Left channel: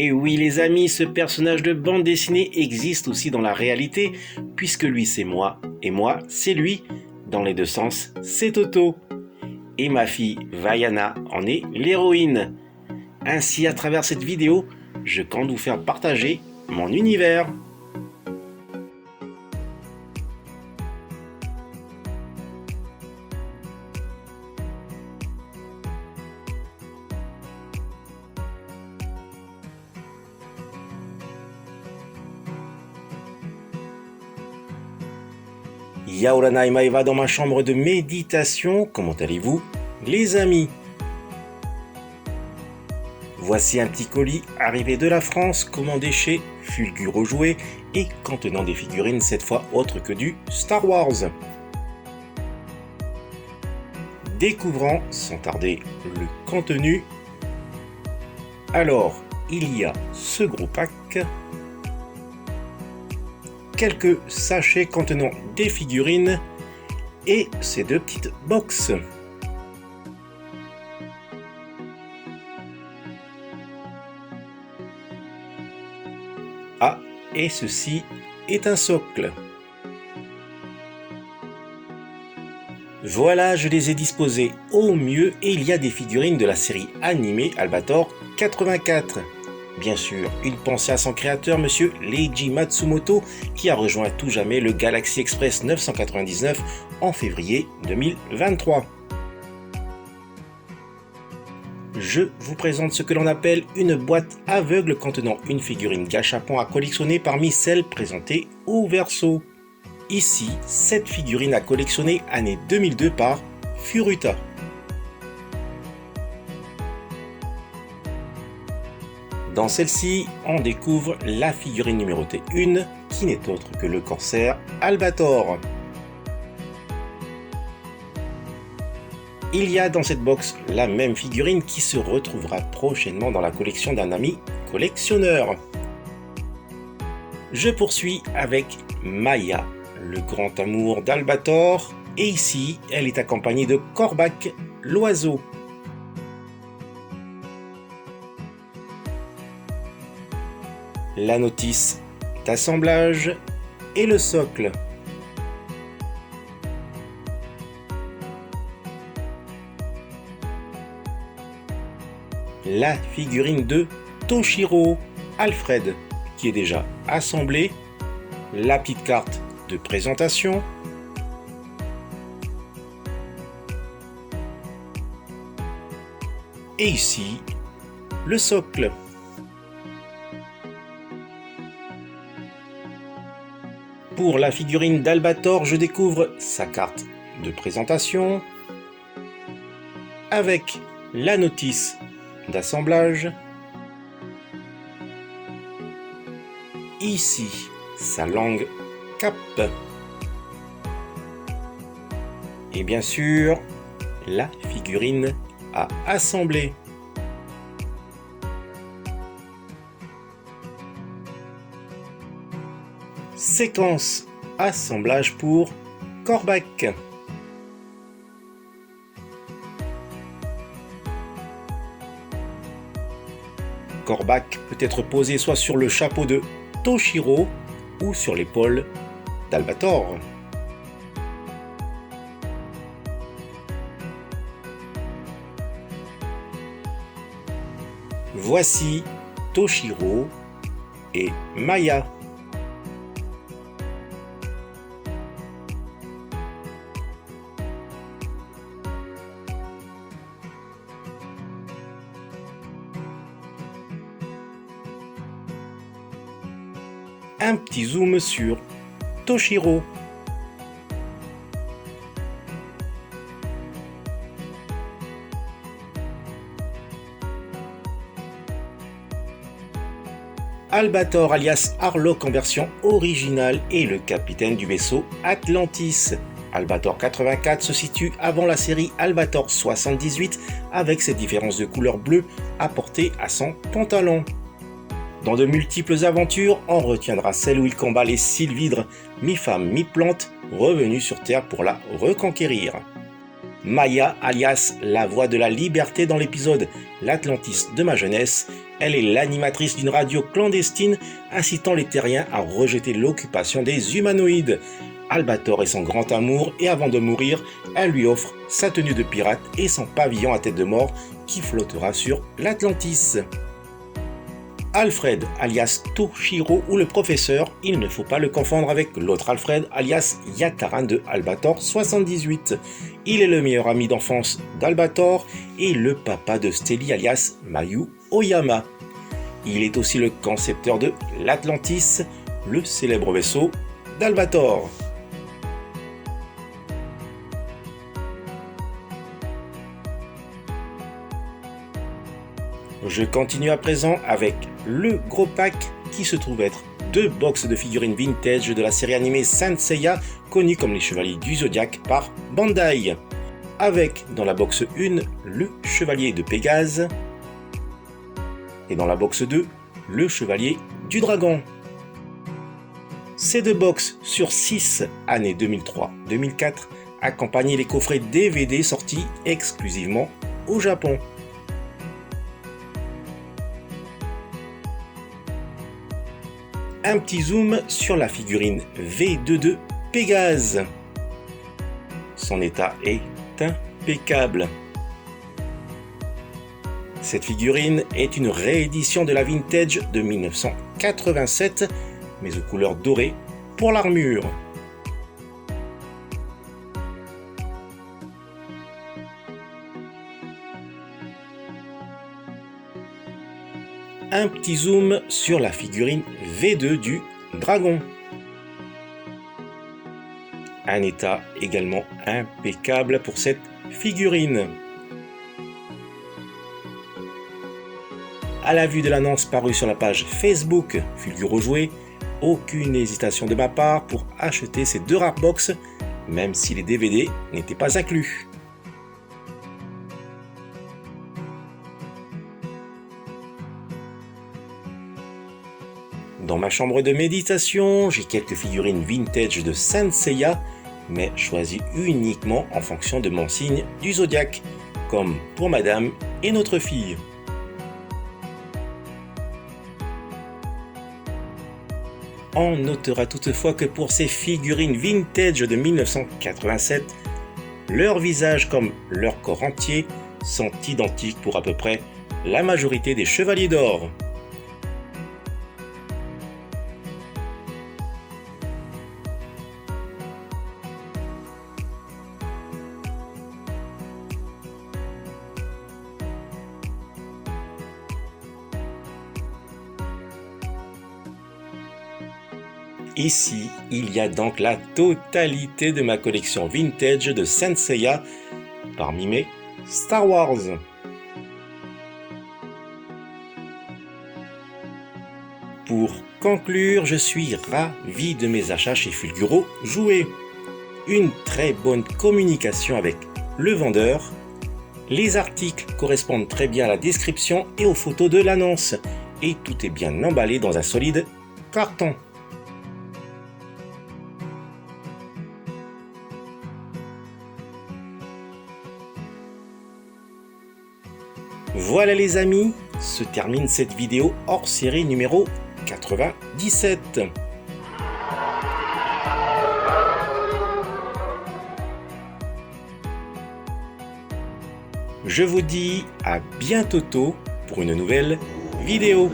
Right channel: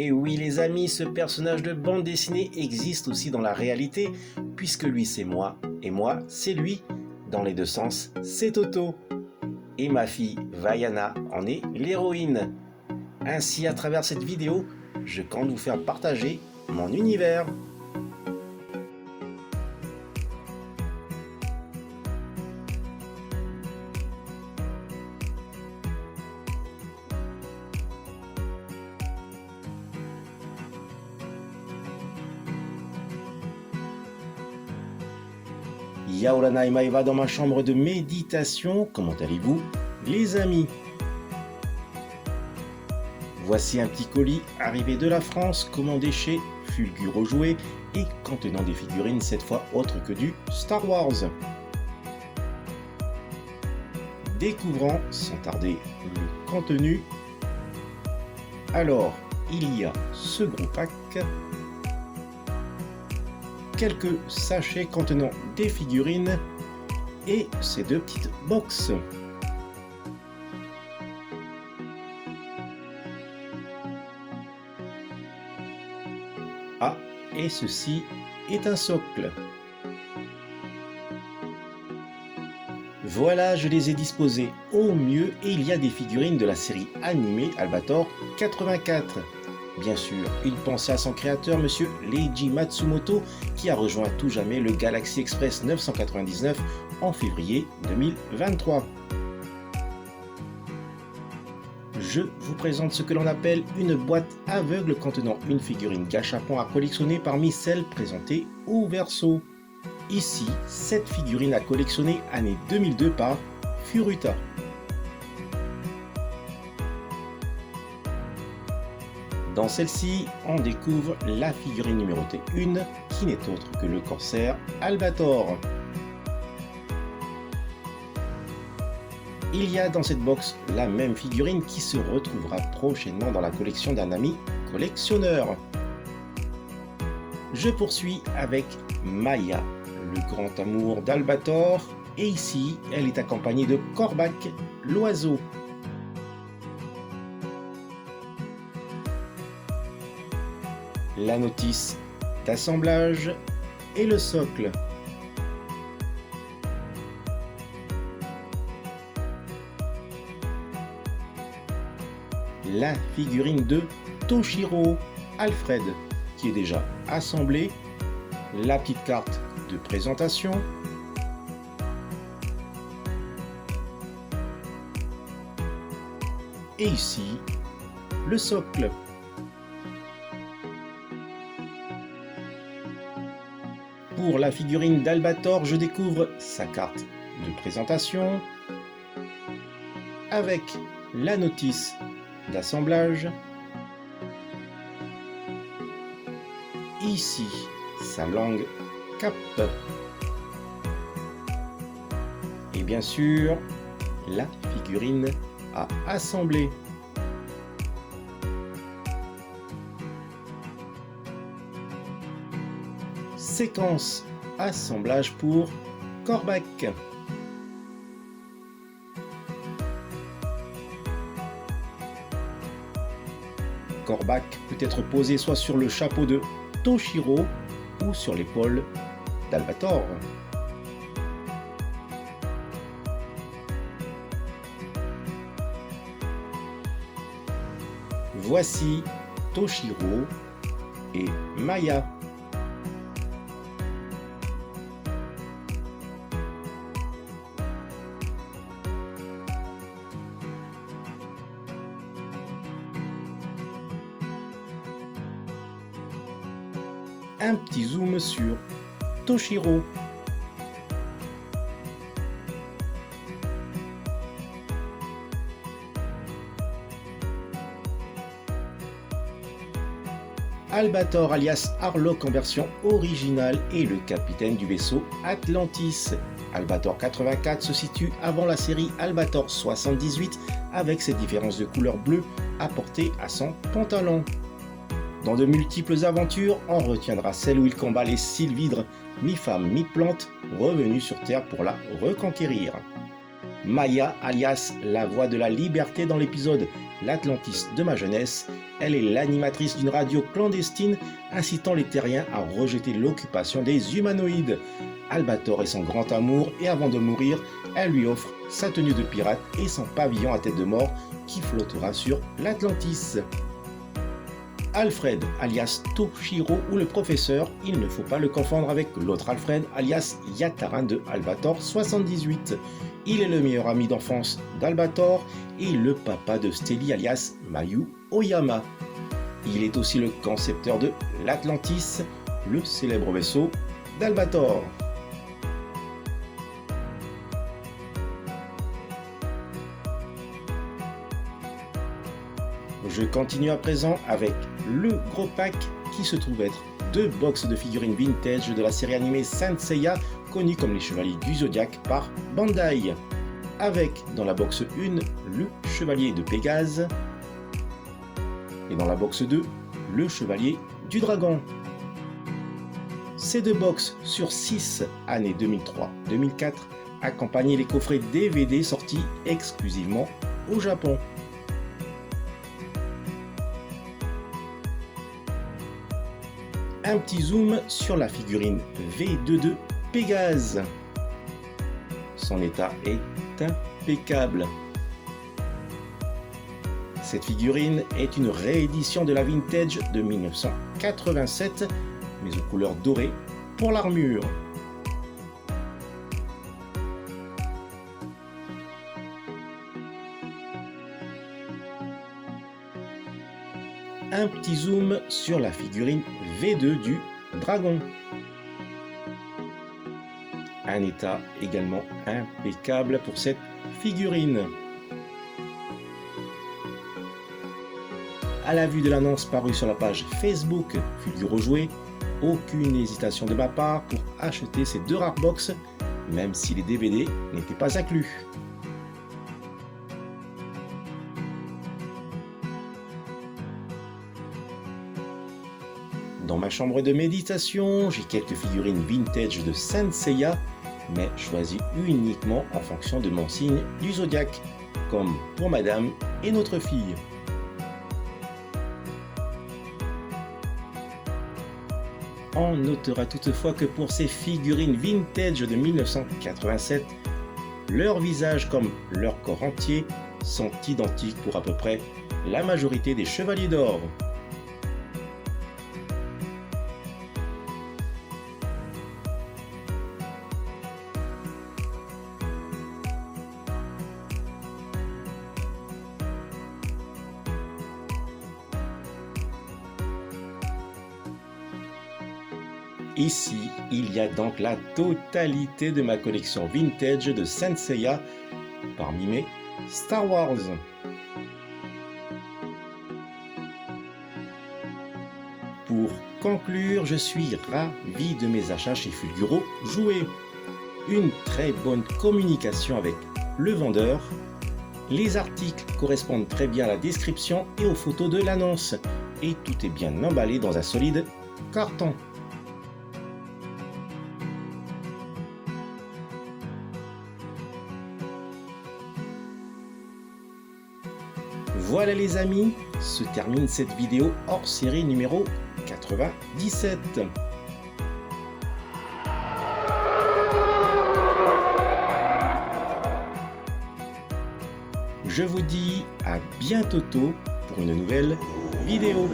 Et oui les amis, ce personnage de bande dessinée existe aussi dans la réalité, puisque lui c'est moi, et moi c'est lui. Dans les deux sens, c'est Toto. Et ma fille Vaiana en est l'héroïne. Ainsi, à travers cette vidéo, je compte vous faire partager mon univers. Yaorana et Maeva dans ma chambre de méditation. Comment allez-vous, les amis? Voici un petit colis arrivé de la France, commandé chez Fulguro Jouets et contenant des figurines cette fois autres que du Star Wars. Découvrons sans tarder le contenu. Alors, il y a ce gros pack, quelques sachets contenant des figurines et ces deux petites boxes. Ah, et ceci est un socle. Voilà, je les ai disposés au mieux et il y a des figurines de la série animée Albator 84. Bien sûr, une pensée à son créateur, monsieur Leiji Matsumoto, qui a rejoint à tout jamais le Galaxy Express 999 en février 2023. Je vous présente ce que l'on appelle une boîte aveugle contenant une figurine gâchapon à collectionner parmi celles présentées au verso. Ici, cette figurine à collectionner année 2002 par Furuta. Dans celle-ci, on découvre la figurine numérotée 1, qui n'est autre que le corsaire Albator. Il y a dans cette box la même figurine qui se retrouvera prochainement dans la collection d'un ami collectionneur. Je poursuis avec Maya, le grand amour d'Albator, et ici, elle est accompagnée de Kor'bak, l'oiseau. La notice d'assemblage et le socle. La figurine de Toshiro, Alfred, qui est déjà assemblée. La petite carte de présentation. Et ici, le socle. Pour la figurine d'Albator, je découvre sa carte de présentation avec la notice d'assemblage. Ici, sa langue cap. Et bien sûr, la figurine à assembler. Séquence assemblage pour Kor'bak. Kor'bak peut être posé soit sur le chapeau de Toshiro ou sur l'épaule d'Albator. Voici Toshiro et Maya. Un petit zoom sur Toshiro. Albator alias Harlock en version originale est le capitaine du vaisseau Atlantis. Albator 84 se situe avant la série Albator 78 avec cette différence de couleur bleue apportée à son pantalon. Dans de multiples aventures, on retiendra celle où il combat les sylvidres, mi-femme, mi-plante, revenus sur Terre pour la reconquérir. Maya, alias la voix de la liberté dans l'épisode L'Atlantis de ma jeunesse, Elle est l'animatrice d'une radio clandestine incitant les terriens à rejeter l'occupation des humanoïdes. Albator est son grand amour et avant de mourir, elle lui offre sa tenue de pirate et son pavillon à tête de mort qui flottera sur l'Atlantis. Alfred, alias Toshiro ou le professeur, il ne faut pas le confondre avec l'autre Alfred, alias Yataran de Albator 78. Il est le meilleur ami d'enfance d'Albator et le papa de Stelly, alias Mayu Oyama. Il est aussi le concepteur de l'Atlantis, le célèbre vaisseau d'Albator. Je continue à présent avec le gros pack qui se trouve être 2 box de figurines vintage de la série animée Saint Seiya, connue comme les Chevaliers du Zodiaque par Bandai. Avec dans la box 1 le Chevalier de Pégase et dans la box 2 le Chevalier du Dragon. Ces 2 box sur 6 années 2003-2004 accompagnaient les coffrets DVD sortis exclusivement au Japon. Un petit zoom sur la figurine V2 de Pégase. Son état est impeccable. Cette figurine est une réédition de la vintage de 1987, mais aux couleurs dorées pour l'armure. Un petit zoom sur la figurine V2 du Dragon. Un état également impeccable pour cette figurine. À la vue de l'annonce parue sur la page Facebook Fulguro Jouet, aucune hésitation de ma part pour acheter ces 2 rares box, même si les DVD n'étaient pas inclus. Dans ma chambre de méditation, j'ai quelques figurines vintage de Saint Seiya, mais choisies uniquement en fonction de mon signe du zodiaque, comme pour madame et notre fille. On notera toutefois que pour ces figurines vintage de 1987, leur visage comme leur corps entier sont identiques pour à peu près la majorité des chevaliers d'or. Ici, il y a donc la totalité de ma collection vintage de Saint Seiya, parmi mes Star Wars. Pour conclure, je suis ravi de mes achats chez Fulguro Jouet. Une très bonne communication avec le vendeur. Les articles correspondent très bien à la description et aux photos de l'annonce. Et tout est bien emballé dans un solide carton. Voilà les amis, se termine cette vidéo hors série numéro 97. Je vous dis à bientôt pour une nouvelle vidéo.